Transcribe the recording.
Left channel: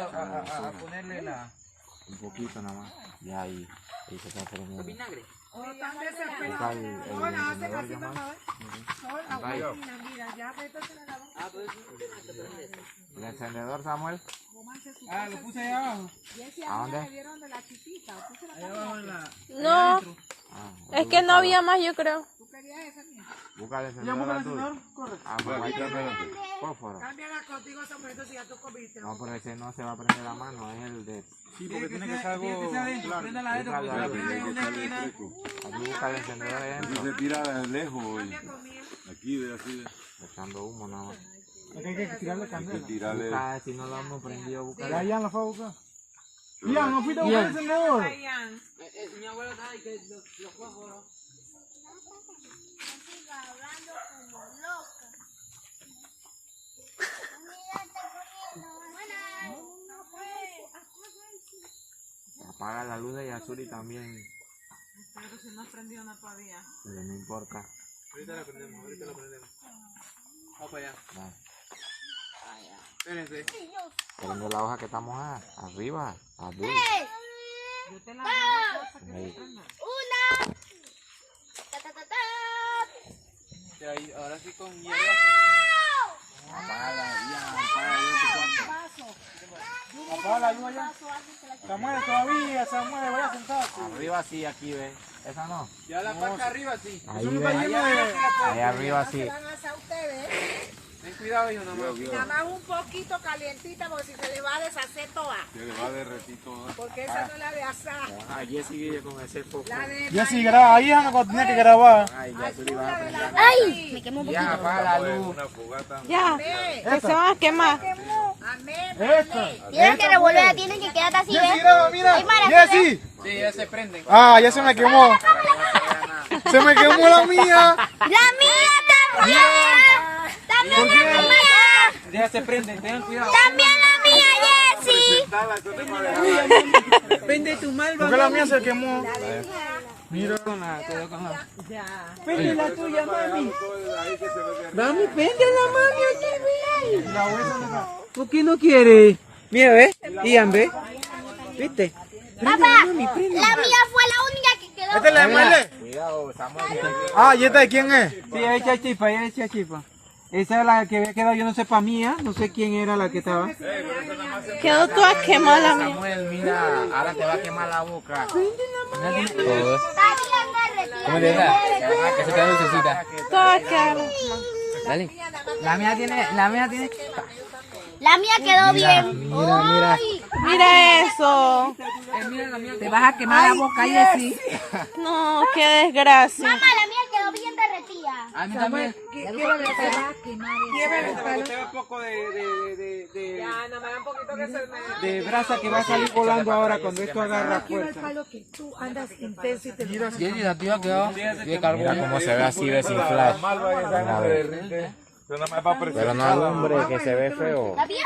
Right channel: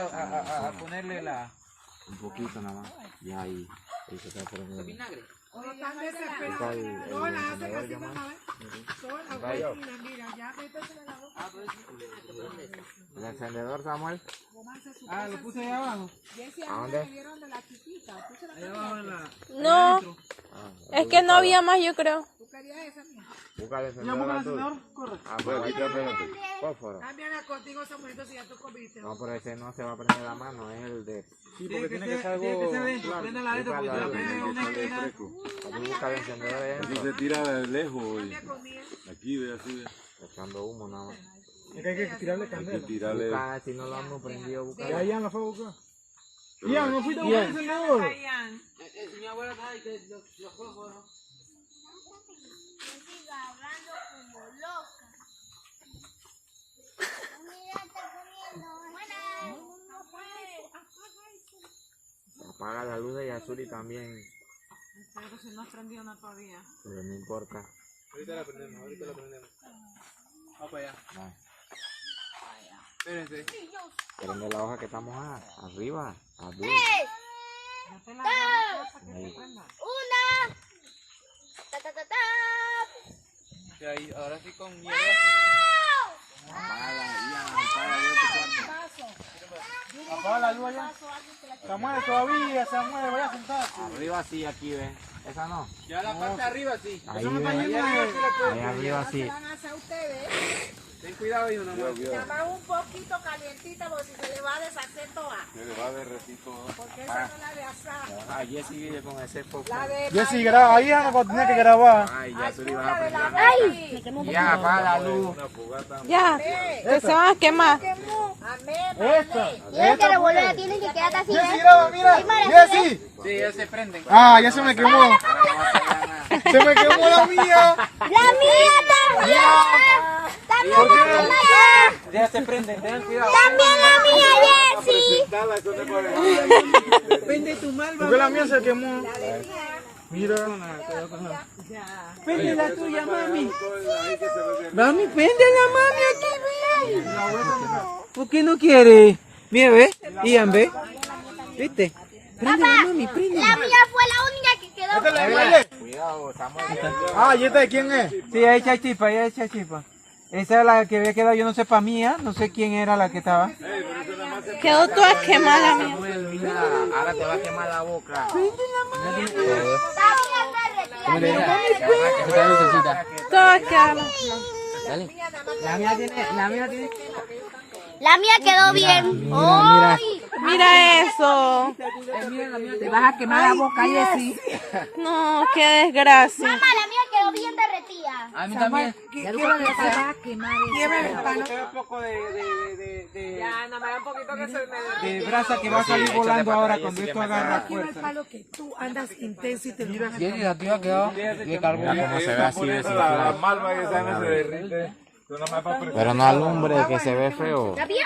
A ponerle la... Un poquito nada más. Ya ahí se está poniendo. Vinagre. Están desesperados. No, la hacen así, mamá. No, la vuelta, mira, ya métesela en la boca. ¿El encendedor, Samuel? Ah, lo puse ahí abajo. ¿A dónde? Ahí abajo en la... No, adentro. es que no había más, yo creo. Busca el Ya encendedor. busca el tú. encendedor, corre. Ah, pero ahí tiene fósforo. Cámbiala contigo, Samuel, si ya tú comiste. No, pero ese no se va a prender la mano, es el de... Sí, porque tiene que ser adentro. claro. Prenda la adentro, porque si la prende en una esquina... Ahí busca el encendedor Eso dentro. se tira de lejos y aquí ve así. Echando humo nada más. Es que hay que tirarle Hay que candela. tirarle. Busca, si no lo hemos prendido, busca. Ya, Ian la fue a buscar. Ian, no fuiste a buscar el encendedor. Mi abuela estaba ahí que los fósforos. Hablando como loca. Apaga la luz de Yasuri también. Pero si no prendió una todavía. Pero no importa. Ahorita la prendemos, ahorita la prendemos. Vamos para allá. No. Espérense. Prende la hoja que está mojada. Arriba. Arriba. Yo te la hago Ahí. Una. Ta, ta, ta, ta. Y ahí, ahora sí con hierba. Apaga la luz allá. Samuel, todavía, Samuel, vaya a sentarte. Arriba sí, aquí ven. Esa no. Ya la parte arriba sí. Ahí Eso me está ven. yendo de... Ahí arriba sí. van a hacer ustedes. Ten cuidado, hijo, nada más. Nada más un poquito calientita porque si se le va a deshacer toda. Se le va a derretir todo. Porque esa no es la de asar. Ay, Jessy vive con ese foco. La de Jessy, graba. Ahí Ana cuando tiene que grabar. Ay, Yasuri va a la de prender. la ¡ay! Ya, apaga la luz. Ya, que se van a quemar. Y es que revolver tiene que quedar así, Jessy, ¿ves? graba, mira. Ay, Mara, Jessy. Sí, ya se prenden. Ah, ya se me quemó. Se me quemó la mía. ¡La mía también! ¿Por qué? Ya se prenden, tengan cuidado. ¡También la mía, Jessy! Prende tu malva. ¿Por qué la mía se quemó? Mira. Prende la tuya, mami. Mami, prende la mami aquí, mira. ¿Por qué no quieres? Mira, ve. Ian, ve. ¿Viste? Papá, la mía fue la única que quedó. ¿Esta es la de Maile? Cuidado, Samuel. Ah, ¿y esta de quién es? Sí, ahí echa chispa, ahí echa chispa. Esa es la que había quedado, yo no sé para mía, no sé quién era la que estaba. Quedó toda quemada la mía. Samuel, mira, ahora te va a quemar la boca. Está bien derretida. Que se te necesita. Toda quemada. Dale. La mía tiene... La mía quedó bien. ¡Ay! Mira eso. Te vas a quemar la boca, Jessy. No, qué desgracia. Mamá, la mía quedó bien derretida. A mí también. Un poco de brasa que va a salir volando ahora cuando esto agarra fuerza. Que tú andas intenso y te lo Jessy, la tuya quedó de carbón. Como se ve así desinflado. Pero no alumbre que se ve feo. Está bien,